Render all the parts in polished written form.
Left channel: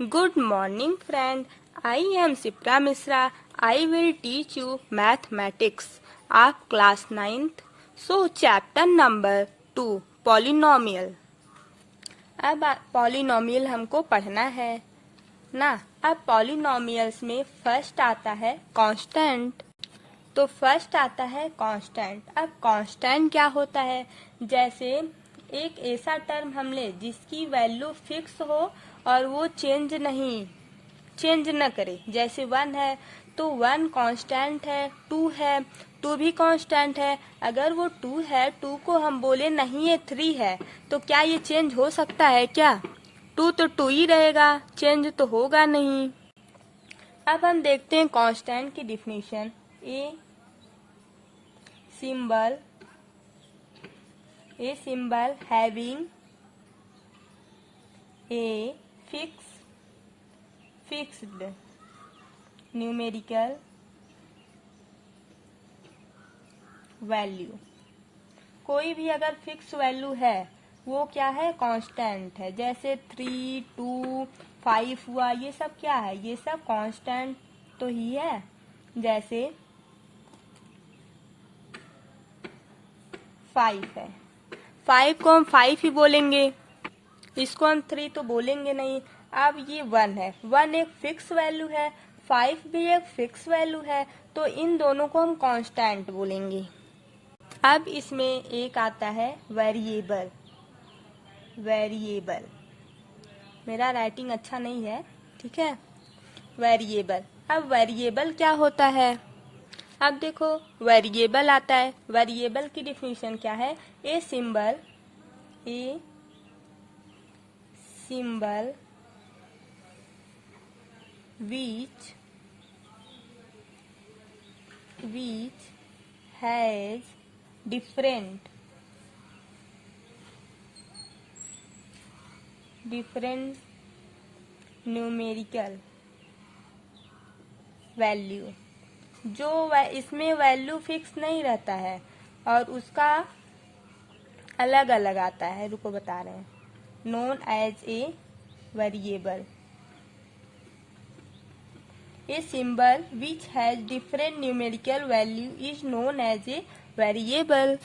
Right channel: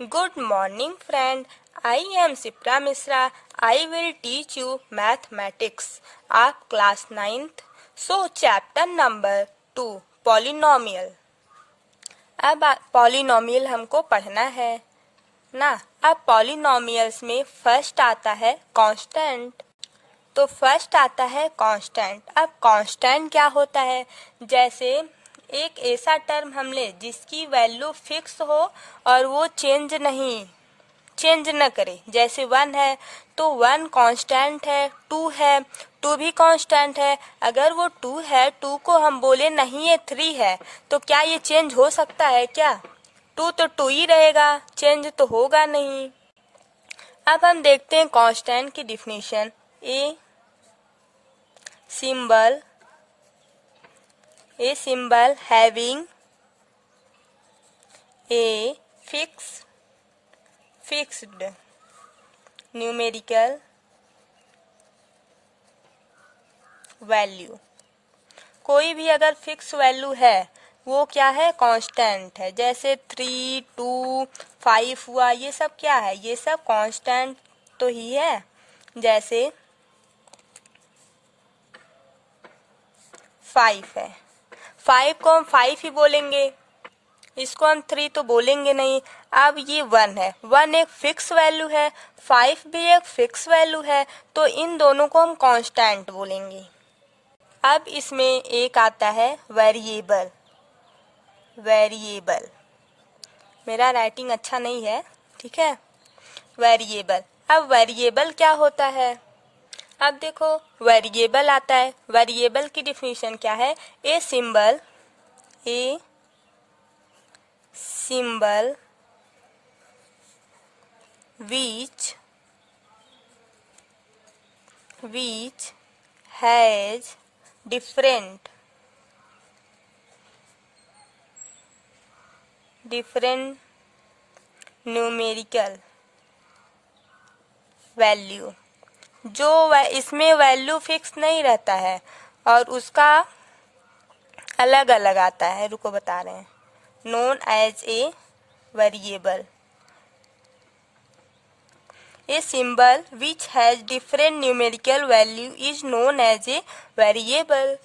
Good morning, friend. I am Sipra Misra. I will teach you mathematics of class 9th. So, chapter number 2, polynomial. अब polynomial हमको पढ़ना है ना। अब polynomials में फर्स्ट आता है कांस्टेंट। तो फर्स्ट आता है कांस्टेंट। अब कांस्टेंट क्या होता है? जैसे एक ऐसा टर्म हम ले जिसकी वैल्यू फिक्स हो और वो चेंज न करे। जैसे 1 है तो 1 कांस्टेंट है, 2 है, 2 भी कांस्टेंट है। अगर वो 2 है, 2 को हम बोले नहीं ये 3 है, तो क्या ये चेंज हो सकता है क्या? 2 तो 2 ही रहेगा, चेंज तो होगा नहीं। अब हम देखते हैं कांस्टेंट की definition. A symbol having a fixed numerical value। कोई भी अगर फिक्स वैल्यू है वो क्या है? कांस्टेंट है। जैसे 3, 2, 5 हुआ, ये सब क्या है? ये सब कांस्टेंट तो ही है। जैसे 5 है, 5 को हम 5 ही बोलेंगे, इसको हम 3 तो बोलेंगे नहीं। अब ये 1 है, 1 एक फिक्स वैल्यू है, 5 भी एक फिक्स वैल्यू है, तो इन दोनों को हम कांस्टेंट बोलेंगे। अब इसमें एक आता है वेरिएबल। मेरा राइटिंग अच्छा नहीं है, ठीक है। वेरिएबल। अब वेरिएबल क्या होता है? अब देखो वेरिएबल आता है। वेरिएबल की डिफिनीशन क्या है? A symbol which has different numerical value। जो इसमें वैल्यू फिक्स नहीं रहता है और उसका अलग अलग आता है। रुको बता रहे हैं। Known as a variable. A symbol which has different numerical value is known as a variable.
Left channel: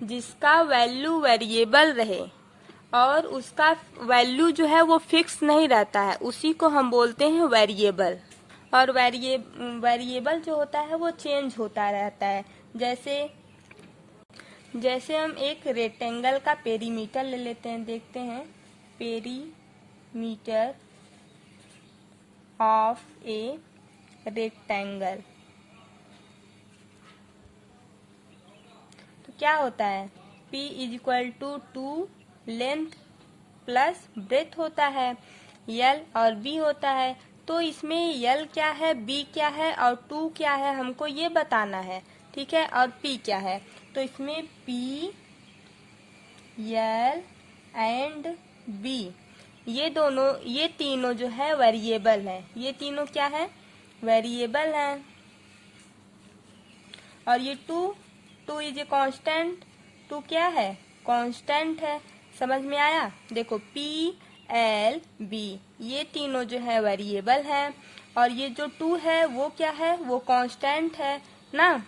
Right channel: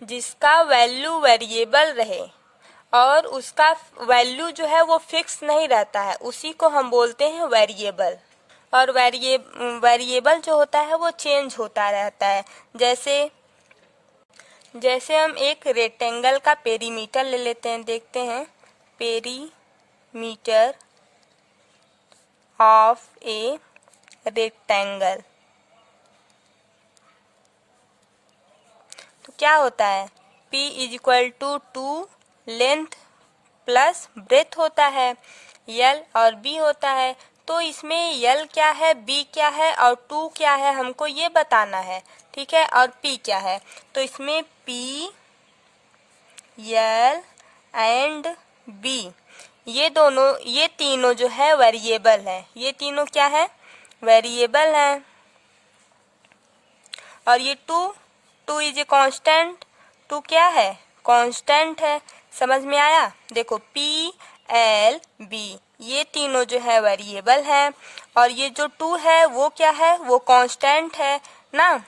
जिसका वैल्यू वेरिएबल रहे और उसका वैल्यू जो है वो फिक्स नहीं रहता है, उसी को हम बोलते हैं वेरिएबल। और वेरिएबल जो होता है वो चेंज होता रहता है। जैसे हम एक रेक्टेंगल का पेरीमीटर ले लेते हैं, देखते हैं। Perimeter of a rectangle. तो क्या होता है? P is equal to 2 length plus breadth होता है, L और B होता है। तो इसमें L क्या है, B क्या है और 2 क्या है, हमको ये बताना है, ठीक है। और P क्या है? तो इसमें P, L एंड B ये तीनों जो है वेरिएबल है। ये तीनों क्या है? वेरिएबल है। और ये 2 इज ए कांस्टेंट। 2 क्या है? कांस्टेंट है। समझ में आया? देखो P, L, B ये तीनों जो है वेरिएबल है और ये जो 2 है वो क्या है? वो कांस्टेंट है ना।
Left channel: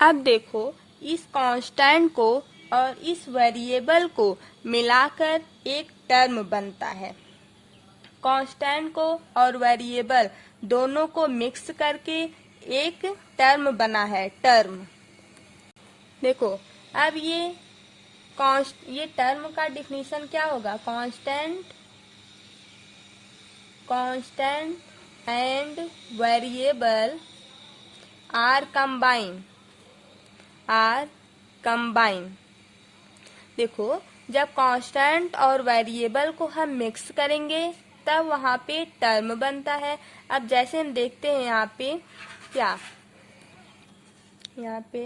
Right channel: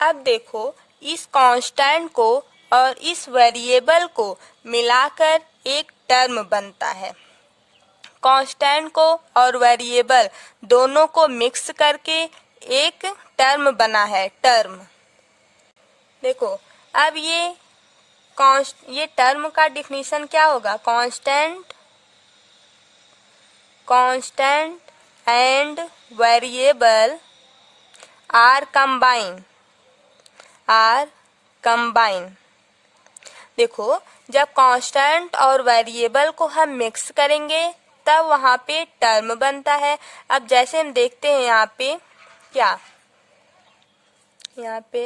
अब देखो इस कांस्टेंट को और इस वेरिएबल को मिलाकर एक टर्म बनता है। कांस्टेंट को और वेरिएबल दोनों को मिक्स करके एक टर्म बना है। टर्म देखो। अब ये टर्म का डिफिनीशन क्या होगा? Constant and variable are combine. देखो जब कांस्टेंट और वेरिएबल को हम मिक्स करेंगे तब वहाँ पे टर्म बनता है। अब जैसे हम देखते हैं यहाँ पे क्या, यहाँ पे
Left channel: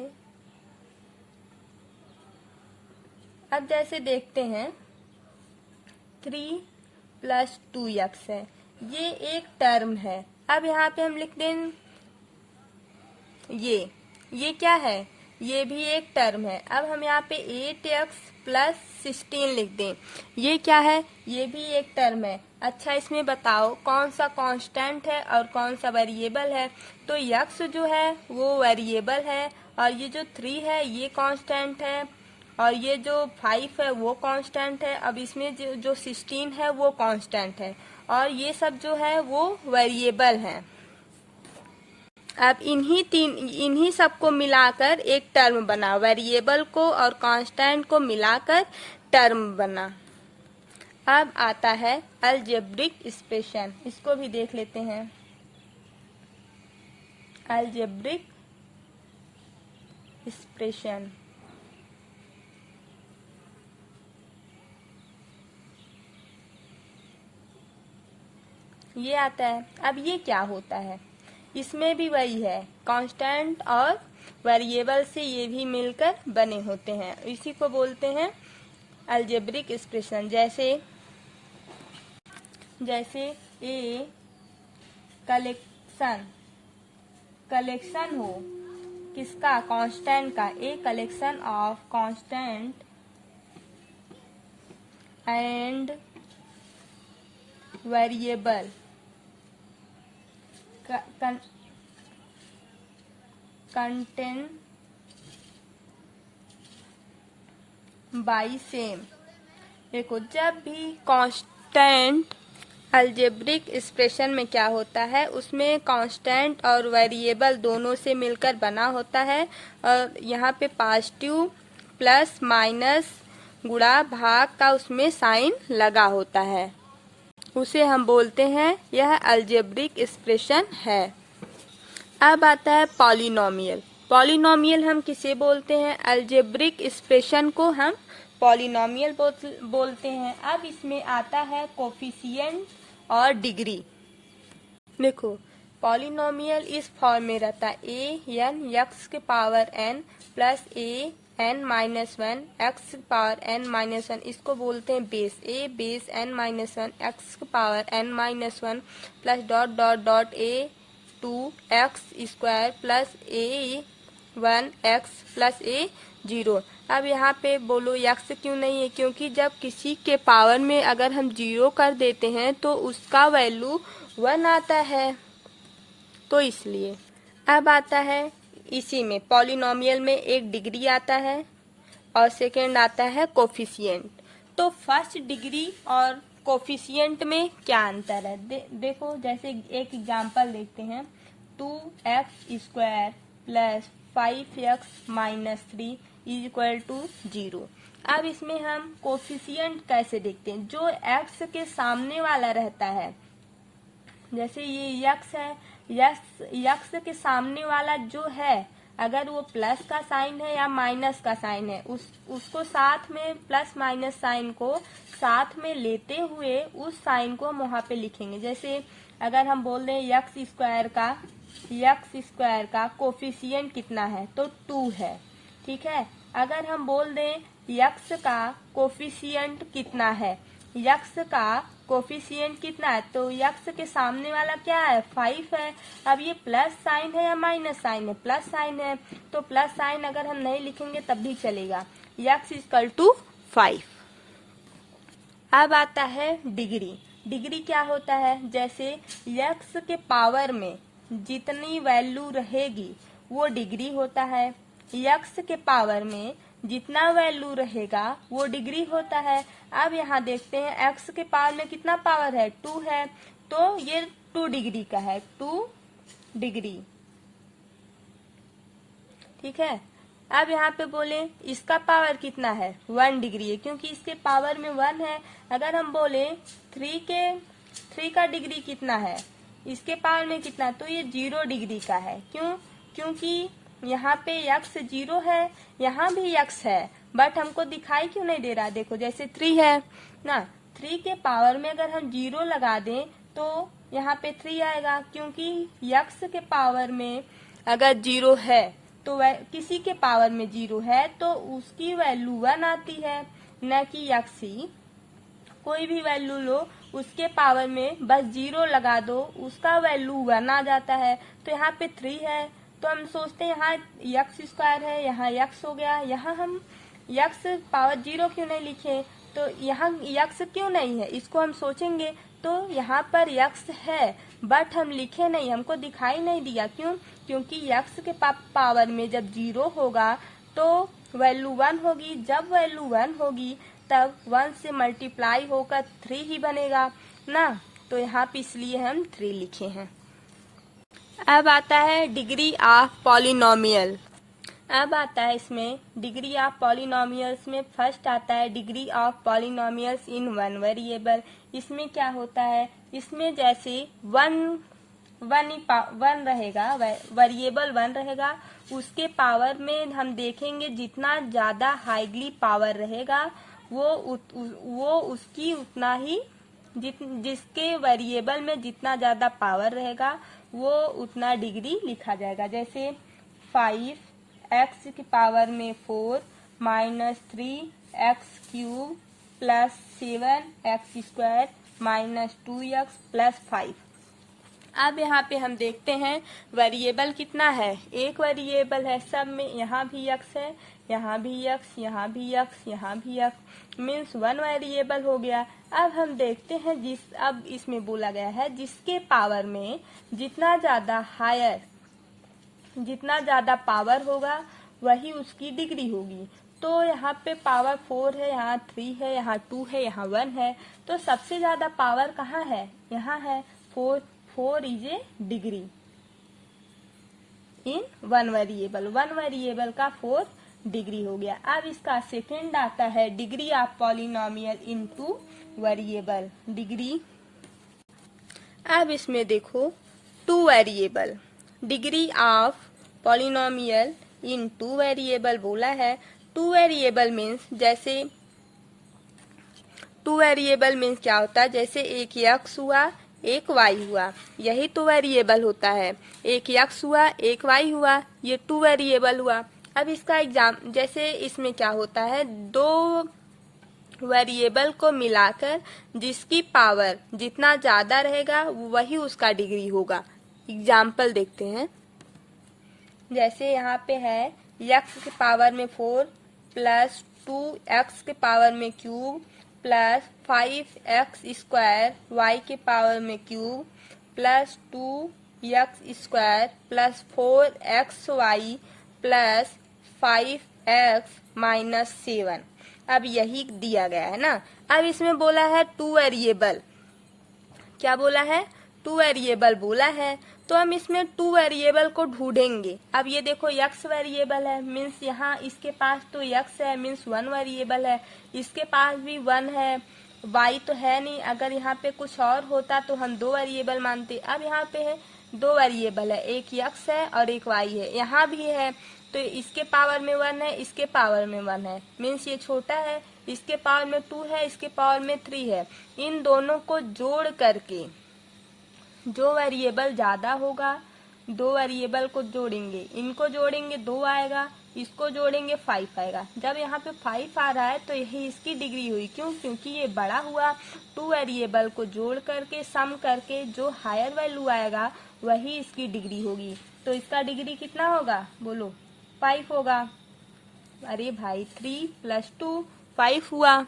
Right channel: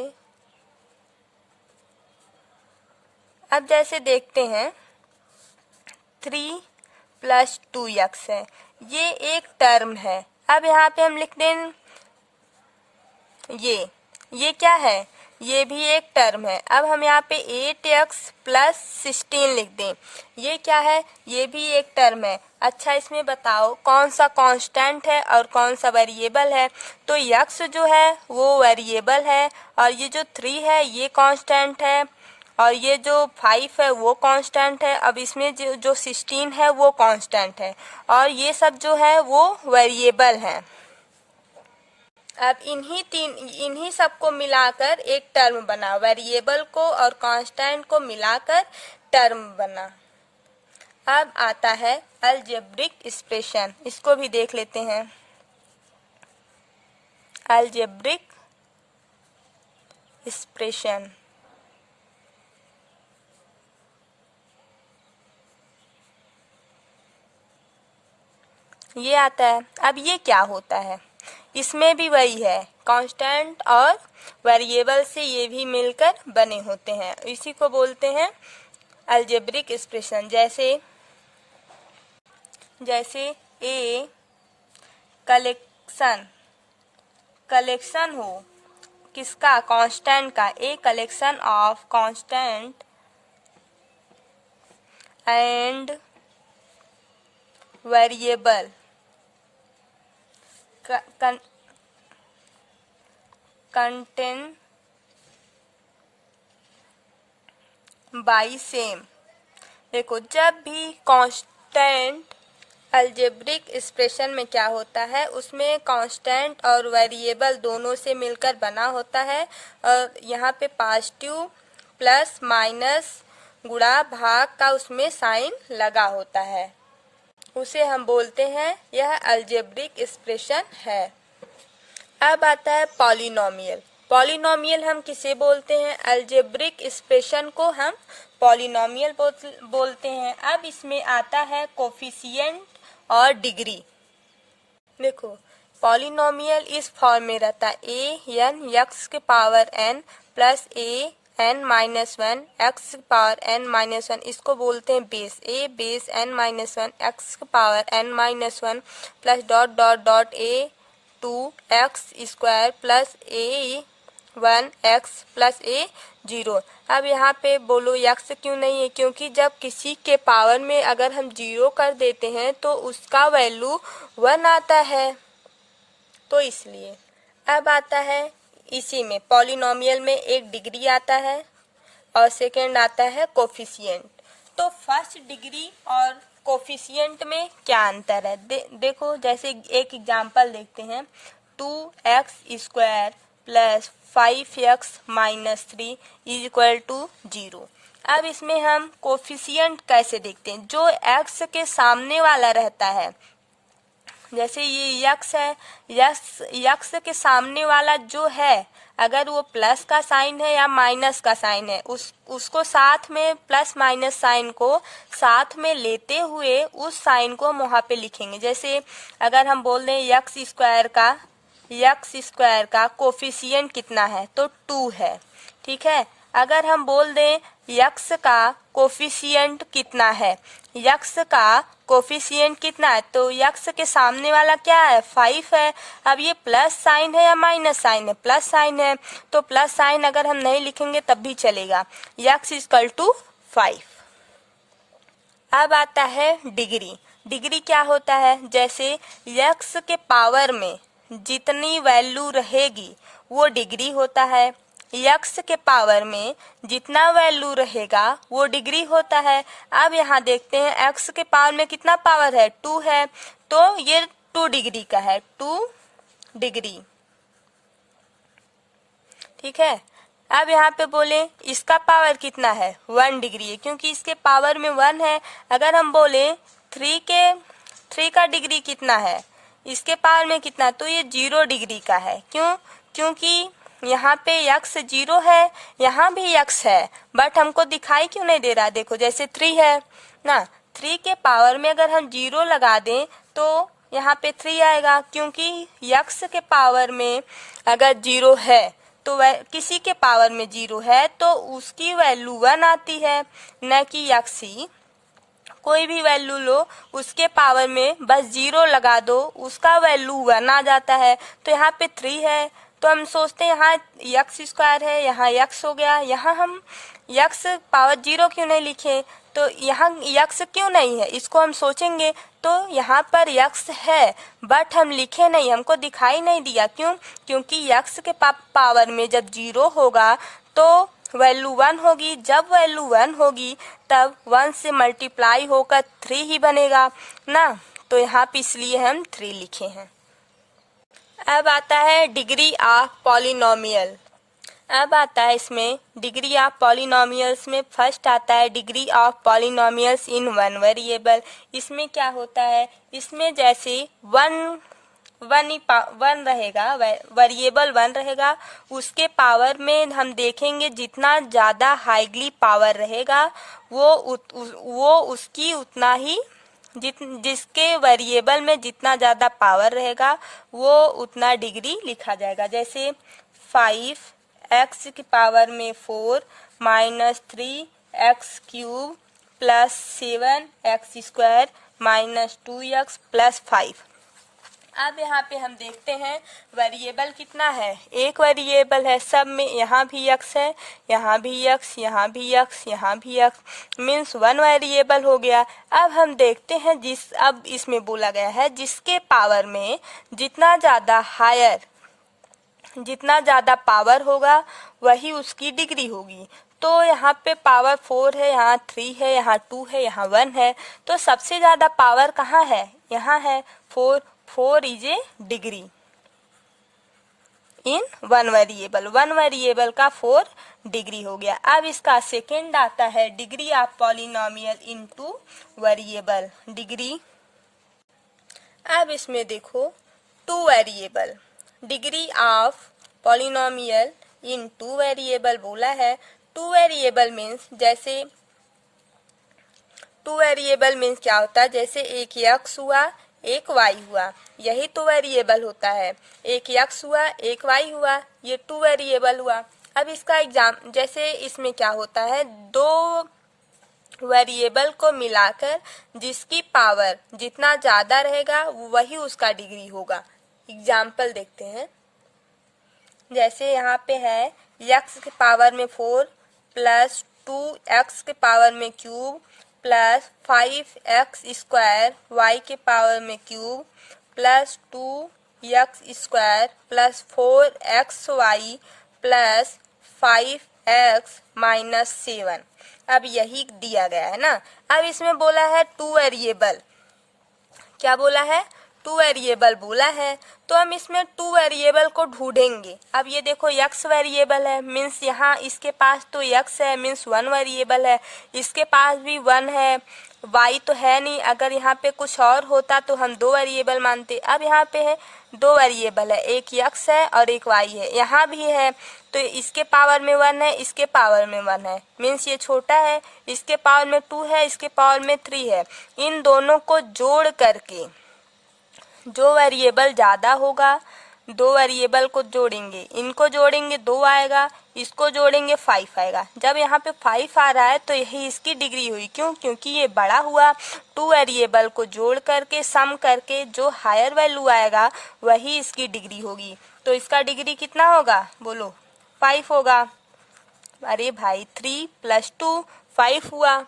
अब जैसे देखते हैं 3 + 2x है, ये एक टर्म है। अब यहाँ पे हम लिख दें ये क्या है? ये भी एक टर्म है। अब हम यहाँ पे 8x + 16 लिख दें, ये क्या है? ये भी एक टर्म है। अच्छा इसमें बताओ कौन सा कांस्टेंट है और कौन सा वेरिएबल है। तो यक्स जो है वो वेरिएबल है और ये जो 3 है ये कांस्टेंट है और ये जो 5 है वो कांस्टेंट है। अब इसमें जो 16 है वो कांस्टेंट है और ये सब जो है वो वेरिएबल हैं। अब इन्हीं सबको मिलाकर एक टर्म बना, वेरिएबल को और कांस्टेंट को मिलाकर टर्म बना। अब आता है अलजेब्रिक एक्सप्रेशन, इसको भी देख लेते हैं। अलजेब्रिक एक्सप्रेशन ये आता है। अब ये क्या होता है, इसमें भी वही है, कांस्टेंट और वेरिएबल से ये भी मिलकर बने होते हैं, इसी को बोलते हैं अलजेब्रिक एक्सप्रेशन। जैसे ए कलेक्शन हो किसका, कांस्टेंट का, a collection of constant and variable contain by same। देखो जब भी कांस्टेंट अलजेब्रिक एक्सप्रेशन में क्या होता है, उसमें कांस्टेंट और वेरिएबल दोनों से मिलकर बना होता है और यहाँ पे पॉजिटिव प्लस माइनस गुणा भाग का उसमें साइन लगा होता है, उसे हम बोलते हैं यह अलजेब्रिक एक्सप्रेशन है। अब आता है पॉलिनोमियल। पॉलिनोमियल हम किसे बोलते हैं, अलजेब्रिक एक्सप्रेशन को हम पॉलिनोमियल बोलते हैं। अब इसमें आता है कोफिशिएंट और डिग्री। देखो पॉलिनोमियल इस फॉर्म में रहता है ए एन एक्स के power n plus a n minus one x power n minus one, इसको बोलते हैं base, a base n minus one x power n minus one plus dot dot dot a 2x square plus a 1x plus a 0। अब यहाँ पे बोलो x क्यों नहीं है, क्योंकि जब किसी के पावर में अगर हम 0 कर देते हैं तो उसका वैल्यू 1 आता है, तो इसलिए। अब आता है इसी में पॉलिनोमियल में एक डिग्री आता है और सेकंड आता है कोफिशिएंट। तो फर्स्ट डिग्री और कोफिशिएंट में क्या अंतर है, देखो जैसे एक एग्जांपल देखते हैं, 2x square plus 5x minus 3 is equal to 0। अब इसमें हम कोफिशिएंट कैसे देखते हैं, जो x के सामने वाला रहता है, जैसे ये यक्स है, यक्स के सामने वाला जो है, अगर वो प्लस का साइन है या माइनस का साइन है, उसको साथ में प्लस माइनस साइन को साथ में लेते हुए उस साइन को हम वहाँ पे लिखेंगे। जैसे अगर हम बोल दें यक्स स्क्वायर का कोफिशिएंट कितना है, तो 2 है, ठीक है। अगर हम बोल दें यक्स का कोफिशिएंट कितना है, यक्स का कोफिशिएंट कितना है, तो यक्स के सामने वाला क्या है, 5 है। अब ये प्लस साइन है या माइनस साइन है, प्लस साइन है, तो प्लस साइन अगर हम नहीं लिखेंगे तब भी चलेगा, यक्स इक्वल टू 5। अब आता है डिग्री। डिग्री क्या होता है, जैसे यक्स के पावर में जितनी वैल्यू रहेगी वो डिग्री होता है, यक्स के पावर में जितना वैल्यू रहेगा वो डिग्री होता है। अब यहाँ देखते हैं एक्स के पावर में कितना पावर है, 2 है, तो ये 2 डिग्री का है, 2 डिग्री, ठीक है। अब यहाँ पे बोले इसका पावर कितना है, 1 डिग्री है, क्योंकि इसके पावर में 1 है। अगर हम बोले 3 का डिग्री कितना है, इसके पावर में कितना, तो ये 0 डिग्री का है। क्यों, क्योंकि यहाँ पे यक्स 0 है, यहाँ भी यक्स है, बट हमको दिखाई क्यों नहीं दे रहा, देखो जैसे 3 है ना, 3 के पावर में अगर हम 0 लगा दें तो यहाँ पे 3 आएगा, क्योंकि यक्स के पावर में अगर 0 है तो किसी के पावर में 0 है तो उसकी वैल्यू 1 आती है, न कि यक्स ही कोई भी वैल्यू लो उसके पावर में बस 0 लगा दो, उसका वैल्यू 1 आ जाता है। तो यहाँ पे 3 है, तो हम सोचते हैं यहाँ यक्स स्क्वायर है, यहाँ यक्स हो गया, यहाँ हम यक्स पावर 0 क्यों नहीं लिखे, तो यहाँ यक्स क्यों नहीं है, इसको हम सोचेंगे तो यहाँ पर यक्स है बट हम लिखे नहीं, हमको दिखाई नहीं दिया। क्यों? क्योंकि यक्स के पावर में जब 0 होगा तो वैल्यू 1 होगी, जब वैल्यू 1 होगी तब 1 से मल्टीप्लाई होकर 3 ही बनेगा ना, तो यहाँ पे इसलिए हम 3 लिखे हैं। अब आता है डिग्री ऑफ पॉलिनोमियल। अब आता है इसमें डिग्री ऑफ पॉलिनोमियल्स में फर्स्ट आता है degree of polynomials in one variable. इसमें क्या होता है, इसमें जैसे वन रहेगा, वेरिएबल 1 रहेगा, उसके पावर में हम देखेंगे जितना ज़्यादा हाईली पावर रहेगा वो उसकी उतना ही जिसके वेरिएबल में जितना ज़्यादा पावर रहेगा वो उतना डिग्री लिखा जाएगा। जैसे 5x की पावर में 4 minus 3x cube plus 7x square minus 2x plus 5। अब यहाँ पे हम देखते हैं वेरिएबल कितना है, एक वेरिएबल है, सब में यहाँ भी x है, यहाँ भी x, यहाँ भी x, यहाँ भी x, मीन्स 1 वेरिएबल हो गया। अब हम देखते हैं अब इसमें बोला गया है जिसके पावर में जितना ज़्यादा पावर होगा वही उसकी डिग्री होगी। तो यहाँ पे पावर 4 है, यहाँ 3 है, यहाँ 2 है, यहाँ 1 है, तो सबसे ज़्यादा पावर कहाँ है, यहाँ है 4 is a degree in one variable का 4 डिग्री हो गया। अब इसका सेकेंड आता है degree of polynomial in 2 variable degree. अब इसमें देखो 2 variable, degree of polynomial in 2 variable बोला है। 2 वेरिएबल मीन्स जैसे 2 वेरिएबल मीन्स क्या होता है, जैसे एक x हुआ एक y हुआ, यही 2 वेरिएबल होता है। एक x हुआ एक y हुआ, ये 2 वेरिएबल हुआ। अब इसका एग्जाम जैसे इसमें क्या होता है, 2 वेरिएबल को मिलाकर जिसकी पावर जितना ज़्यादा रहेगा वही उसका डिग्री होगा। एग्जाम्पल देखते हैं, जैसे यहाँ पे है x के पावर में 4 प्लस 2x के पावर में cube plus 5x square y के पावर में cube plus 2x square plus 4xy plus 5x minus 7। अब यही दिया गया है ना। अब इसमें बोला है 2 वेरिएबल, क्या बोला है, 2 वेरिएबल बोला है, तो हम इसमें 2 वेरिएबल को ढूंढेंगे। अब ये देखो x वेरिएबल है, मीन्स यहाँ इसके पास तो x है, मीन्स 1 वेरिएबल है, इसके पास भी 1 है, y तो है नहीं। अगर यहाँ पे कुछ और होता तो हम 2 वेरिएबल मानते। अब यहाँ पे है 2 वेरिएबल है, एक x है और एक y है, यहाँ भी है, तो इसके पावर में 1 है, इसके पावर में 1 है, मीन्स ये छोटा है, इसके पावर में 2 है, इसके पावर में 3 है। इन दोनों को जोड़ करके जो वेरिएबल ज़्यादा होगा 2 वेरिएबल को जोड़ेंगे, इनको जोड़ेंगे 2 आएगा, इसको जोड़ेंगे 5 आएगा। जब यहाँ पे 5 आ रहा है तो यही इसकी डिग्री हुई। क्यों? क्योंकि ये बड़ा हुआ। 2 वेरिएबल को जोड़ करके सम करके जो हायर वैल्यू आएगा वही इसकी डिग्री होगी। तो इसका डिग्री कितना होगा, बोलो, 5 होगा। अरे भाई 3 + 2 5 हुआ।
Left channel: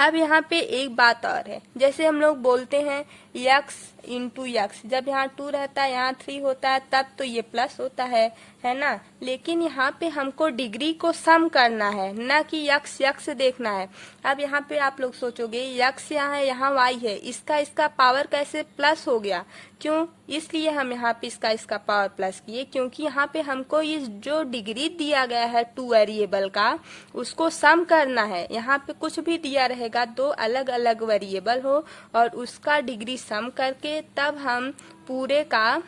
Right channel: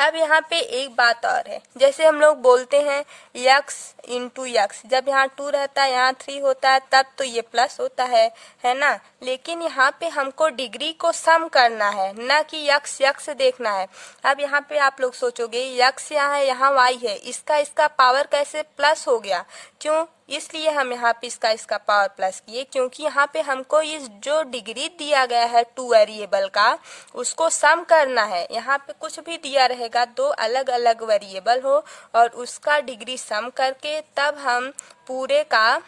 अब यहाँ पे एक बात और है, जैसे हम लोग बोलते हैं x इंटू x, जब यहाँ 2 रहता है यहाँ 3 होता है तब तो ये प्लस होता है ना। लेकिन यहाँ पे हमको डिग्री को सम करना है, ना कि x देखना है। अब यहाँ पे आप लोग सोचोगे x यहाँ है यहाँ y है, इसका पावर कैसे प्लस हो गया? क्यों? इसलिए हम यहाँ पे इसका पावर प्लस किए, क्योंकि यहाँ पे हमको इस जो डिग्री दिया गया है 2 वेरिएबल का उसको सम करना है। यहाँ पे कुछ भी दिया रहेगा 2 अलग अलग वेरिएबल हो और उसका डिग्री सम करके तब हम पूरे का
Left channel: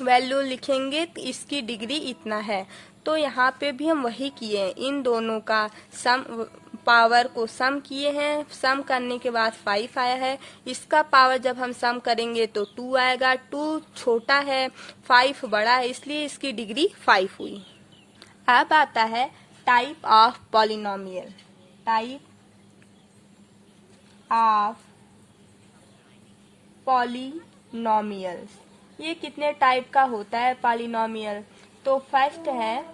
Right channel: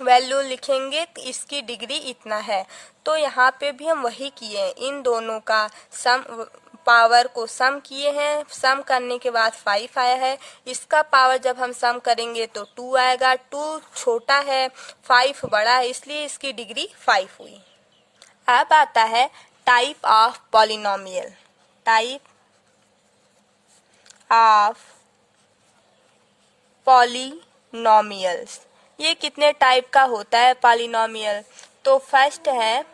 वैल्यू लिखेंगे, तो इसकी डिग्री इतना है। तो यहाँ पे भी हम वही किए, इन दोनों का सम पावर को सम किए हैं। सम करने के बाद 5 आया है, इसका पावर जब हम सम करेंगे तो 2 आएगा। 2 छोटा है, 5 बड़ा है, इसलिए इसकी डिग्री 5 हुई। अब आता है type of polynomial. Type of polynomials, ये कितने टाइप का होता है पॉलिनोमियल? तो फर्स्ट है,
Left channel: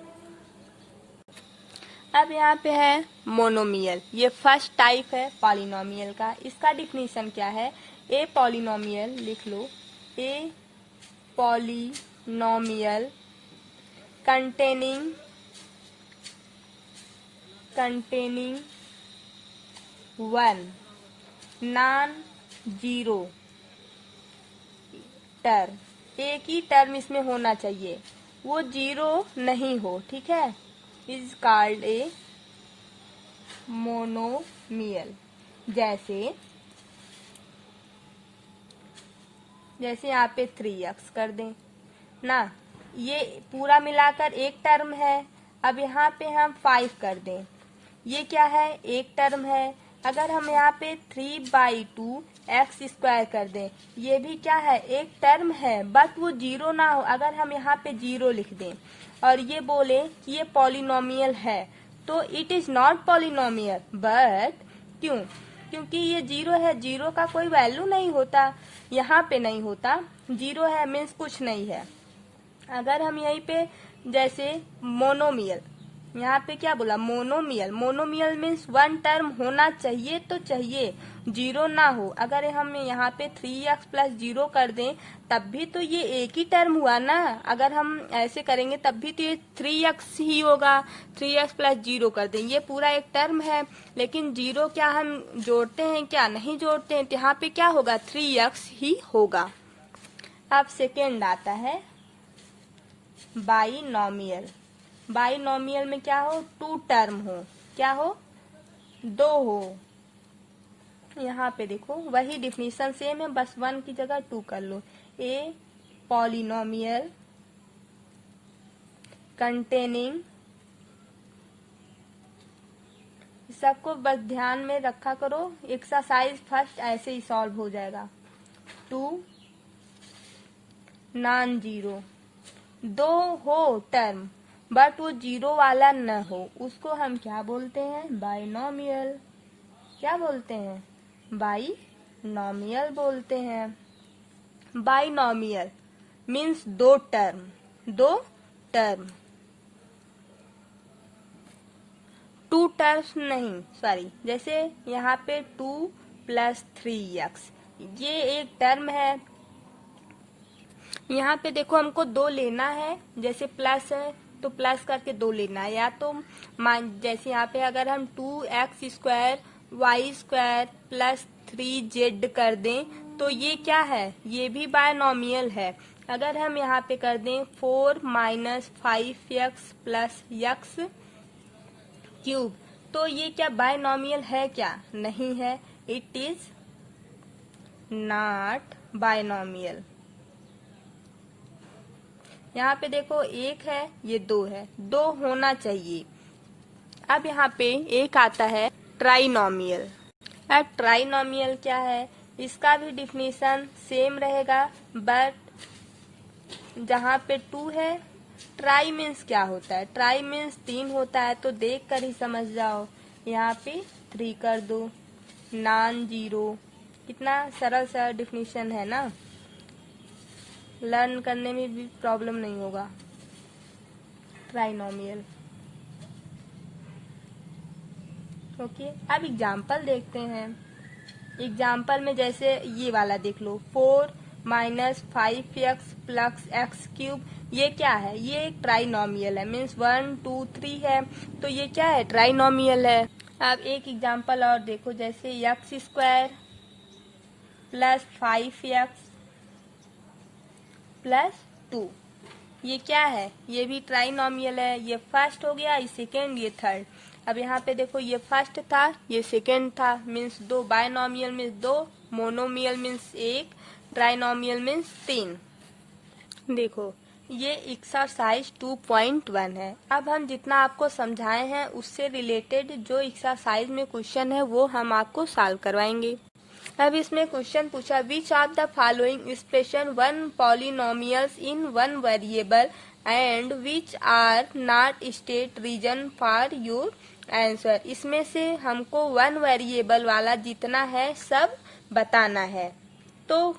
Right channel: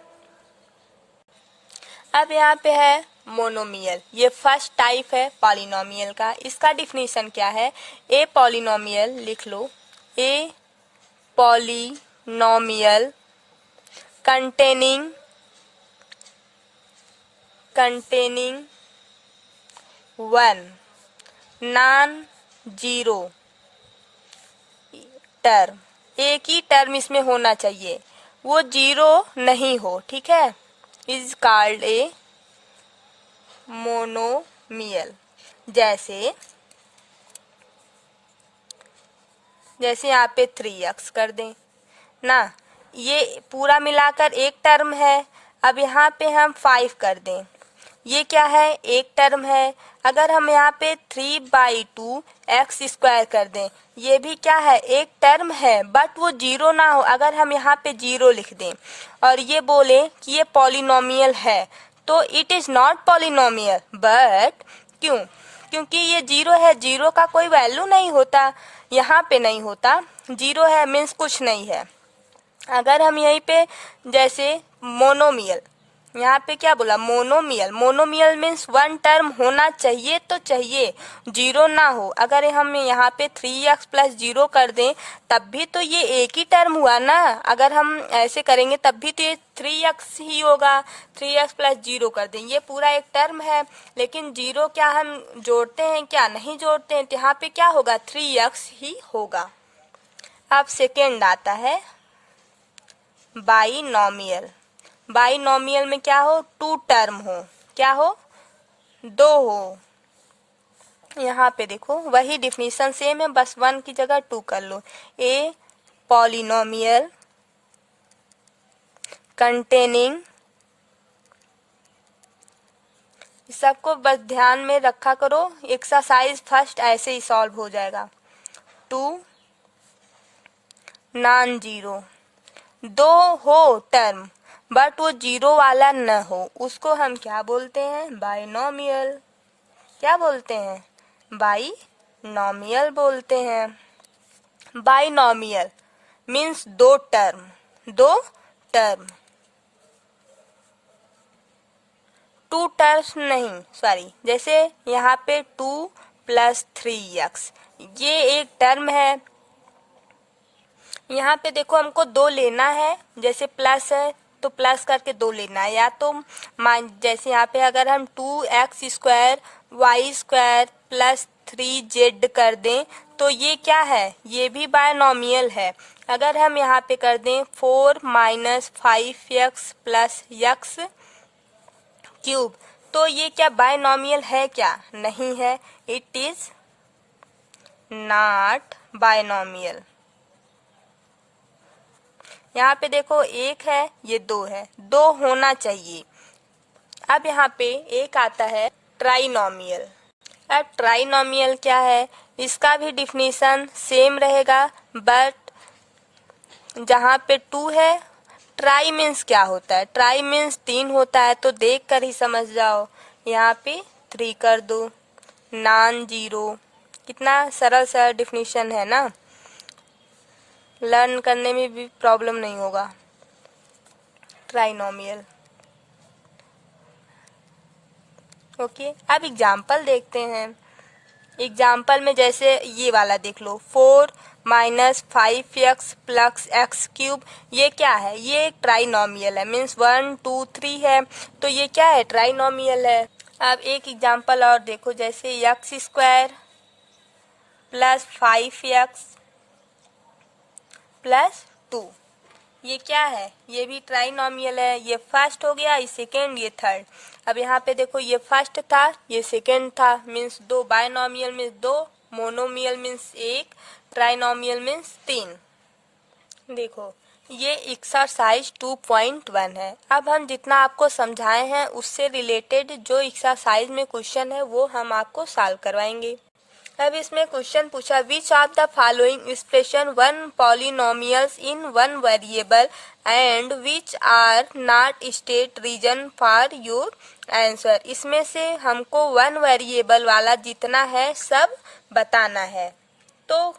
अब यहाँ पे है मोनोमियल, ये फर्स्ट टाइप है पॉलिनोमियल का। इसका डिफिनीशन क्या है? ए पॉलिनोमियल लिख लो, a polynomial containing one non zero term, एक ही टर्म इसमें होना चाहिए, वो जीरो नहीं हो, ठीक है, इज कॉल्ड ए मोनोमियल। जैसे यहाँ पे 3x कर दें ना, ये पूरा मिलाकर एक टर्म है। अब यहाँ पे हम 5 कर दें, ये क्या है? एक टर्म है। अगर हम यहाँ पे 3/2 x स्क्वायर कर दें, ये भी क्या है? एक टर्म है, बट वो जीरो ना हो। अगर हम यहाँ पे जीरो लिख दें और ये बोले कि ये पॉलिनोमियल है, तो it is not polynomial. But क्यों? क्योंकि ये जीरो है, जीरो का कोई वैल्यू नहीं होता, यहाँ पे नहीं होता, जीरो है मीन्स कुछ नहीं है। अगर हम यहीं पे जैसे मोनोमियल, यहाँ पे क्या बोला? Monomial. Monomial means one term होना चाहिए, तो चाहिए, जीरो ना हो। अगर हम यहाँ पे 3x प्लस जीरो कर दें, तब भी तो ये एक ही टर्म हुआ ना। अगर हम ऐसे करेंगे तब भी तो ये 3x ही होगा। 3x प्लस जीरो कर दें, ये पूरा एक टर्म है, लेकिन जीरो क्या हम जोड़ते हैं? क्या नहीं जोड़ते हैं, तो यहाँ पे क्या होगा? 3x ही होगा। अब सेकेंड आता है बाइनोमियल। बाइनोमियल में क्या हो? टू टर्म हो। क्या हो? दो हो। यहाँ पे देखो वही डिफिनीशन सेम है, बस वन की जगह टू कर लो। ए पॉलिनोमियल कंटेनिंग, सबको बस ध्यान में रखा करो, एक्सरसाइज फर्स्ट ऐसे ही सॉल्व हो जाएगा। टू नॉन जीरो, दो हो टर्म बट वो जीरो वाला न हो, उसको हम क्या बोलते हैं? बाइनोमियल। क्या बोलते हैं? बाइनोमियल बोलते हैं। बाइनोमियल मीन्स दो टर्म, दो टर्म, टू टर्म्स नहीं, सॉरी। जैसे यहाँ पे 2 + 3x, ये एक टर्म है। यहाँ पे देखो हमको दो लेना है, जैसे प्लस है तो प्लस करके दो लेना है, या तो जैसे यहाँ पे अगर हम 2x² y² + 3z कर दें, तो ये क्या है? ये भी बायनोमियल है। अगर हम यहाँ पे कर दें 4 - 5x + x³, तो ये क्या बायनोमियल है? क्या नहीं है, इट इज नॉट बायनोमियल। यहाँ पे देखो एक है, ये दो है, दो होना चाहिए। अब यहाँ पे एक आता है ट्राइनोमियल। अब ट्राइनोमियल क्या है? इसका भी डिफिनीशन सेम रहेगा, बट जहाँ पे 2 है, ट्राई मीन्स क्या होता है? ट्राई मीन्स 3 होता है, तो देख कर ही समझ जाओ। यहाँ पे 3 कर दो। नॉन जीरो, कितना सरल सा डिफिनीशन है ना, लर्न करने में भी प्रॉब्लम नहीं होगा। ट्राइनोमियल। ओके, अब एग्जाम्पल देखते हैं। एग्जाम्पल में जैसे ये वाला देख लो, 4 - 5x + x³, ये क्या है? ये एक ट्राइनोमियल है, मीन्स 1 2 3 है, तो ये क्या है? ट्राइनोमियल है। अब एक एग्जाम्पल और देखो, जैसे x² + 5x + 2, ये क्या है? ये भी ट्राइनोमियल है। ये फर्स्ट हो गया, ये सेकेंड, ये थर्ड। अब यहाँ पे देखो, ये फर्स्ट था, ये सेकेंड था, मीन्स दो। बाइनोमियल मीन्स दो, मोनोमियल मीन्स एक, ट्राइनोमियल मीन्स 3। देखो ये एक्सरसाइज 2.1 है। अब हम जितना आपको समझाए हैं उससे रिलेटेड जो एक्सरसाइज में क्वेश्चन है वो हम आपको सॉल्व करवाएंगे। अब इसमें क्वेश्चन पूछा, which of the following expression one polynomials in one variable and which are not state reason for your answer. इसमें से हमको वन वेरिएबल वाला जितना है सब बताना है। तो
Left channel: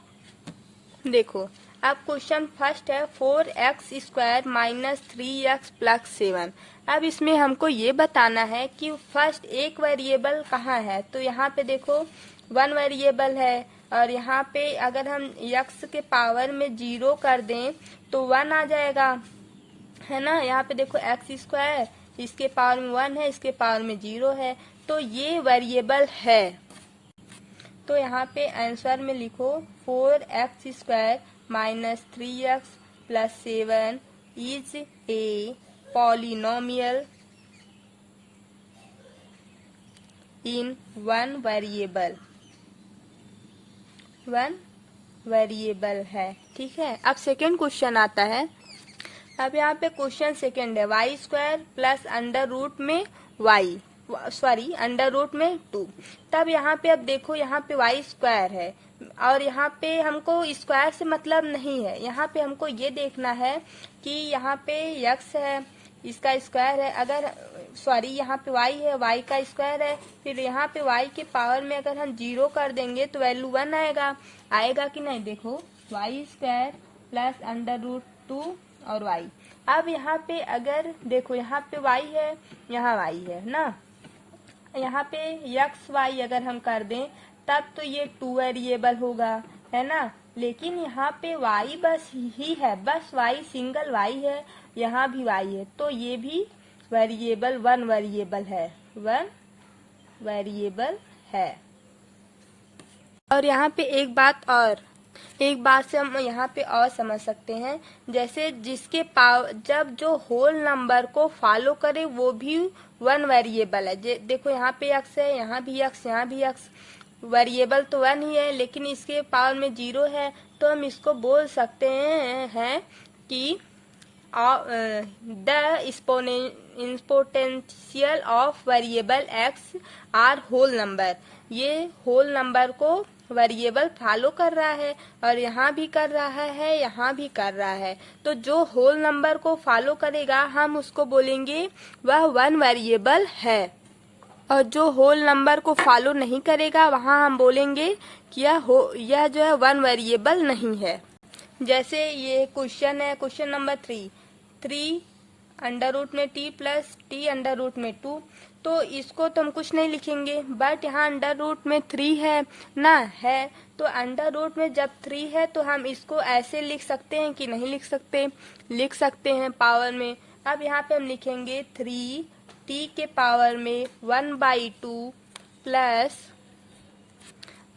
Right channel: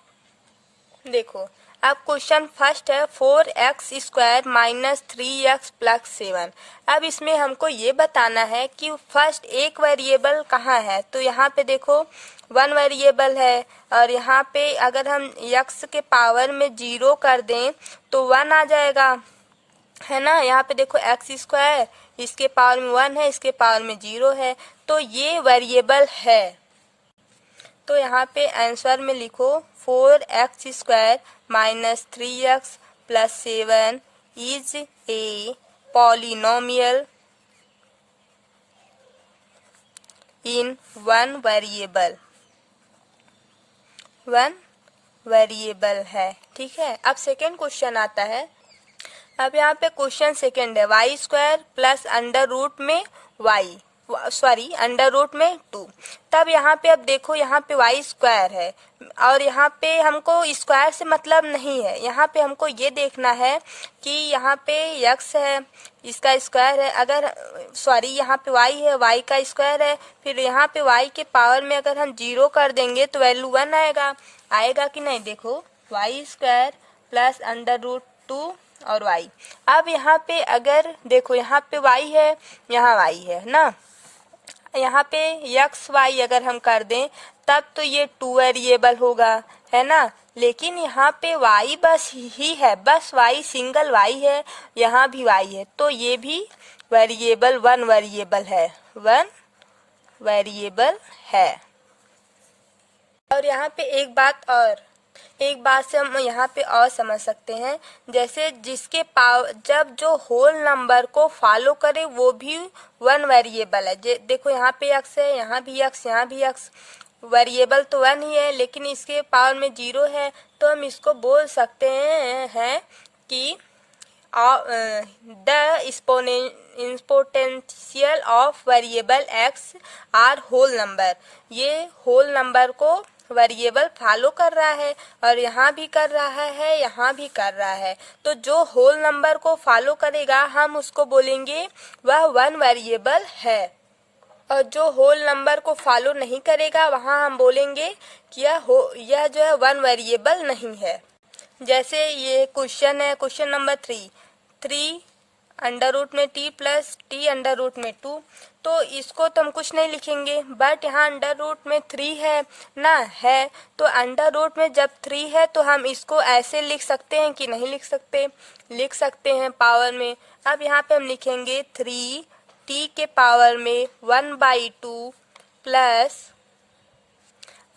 देखो, अब क्वेश्चन फर्स्ट है 4x² माइनस 3x प्लस 7। अब इसमें हमको ये बताना है कि फर्स्ट एक वेरिएबल कहाँ है। तो यहाँ पे देखो 1 वेरिएबल है और यहाँ पे अगर हम x के पावर में 0 कर दें तो 1 आ जाएगा, है ना। यहाँ पे देखो x², इसके पावर में 1 है, इसके पावर में 0 है, तो ये वेरिएबल है। तो यहाँ पे आंसर में लिखो 4x² minus 3x plus 7 is a polynomial in one variable है। ठीक है, अब सेकेंड क्वेश्चन आता है। अब यहाँ पे क्वेश्चन सेकेंड है y² प्लस अंडर रूट में 2। तब यहाँ पे अब देखो यहाँ पे y² है और यहाँ पे हमको स्क्वायर से मतलब नहीं है। यहाँ पे हमको ये देखना है कि यहाँ पे x है, इसका स्क्वायर है, अगर यहाँ पे y है, y का स्क्वायर है, फिर यहाँ पे y के पावर में अगर हम 0 कर देंगे तो वैल्यू 1 आएगा कि नहीं। देखो y² प्लस अंडर रूट 2 और y। अब यहाँ पे अगर देखो यहाँ पे y है, यहाँ y है ना, यहाँ पे x y अगर हम कर दें तब तो ये 2 वेरिएबल होगा, है ना। लेकिन यहाँ पे y बस ही है, बस y सिंगल y है, यहाँ भी y है, तो ये भी वेरिएबल 1 वेरिएबल है। और यहाँ पे एक बात से हम यहाँ पे और समझ सकते हैं, जैसे जिसके पावर जब जो होल नंबर को फॉलो करे वो भी 1 वेरिएबल है। देखो यहाँ पे x है, यहाँ भी x, वेरिएबल तो 1 ही है, लेकिन इसके पावर में 0 है, तो हम इसको बोल सकते हैं कि the exponential of variable x are whole number. ये होल नंबर को वेरिएबल फॉलो कर रहा है और यहाँ भी कर रहा है, यहाँ भी कर रहा है। तो जो होल नंबर को फॉलो करेगा हम उसको बोलेंगे वह 1 वेरिएबल है, और जो होल नंबर को फॉलो नहीं करेगा वहाँ हम बोलेंगे कि यह जो है 1 वेरिएबल नहीं है। जैसे ये क्वेश्चन है, क्वेश्चन नंबर 3 अंडर रूट में t plus t under root में 2। तो इसको तो हम कुछ नहीं लिखेंगे, बट यहाँ अंडर रूट में 3 है ना, है तो अंडर रूट में जब 3 है तो हम इसको ऐसे लिख सकते हैं कि नहीं लिख सकते हैं पावर में। अब यहाँ पे हम लिखेंगे 3t के पावर में 1/2 plus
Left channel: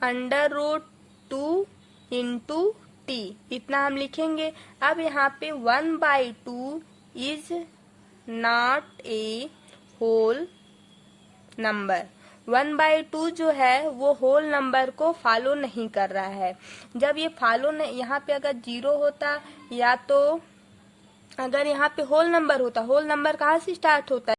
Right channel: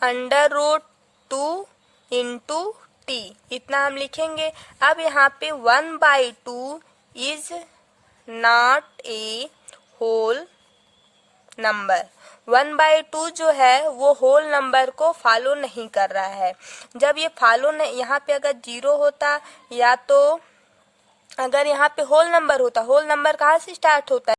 under root 2 into t, इतना हम लिखेंगे। अब यहाँ पे 1/2 is not a whole number. 1/2 जो है वो होल नंबर को फॉलो नहीं कर रहा है। जब ये फॉलो नहीं, यहाँ पे अगर 0 होता या तो अगर यहाँ पे होल नंबर होता, होल नंबर कहाँ से स्टार्ट होता है,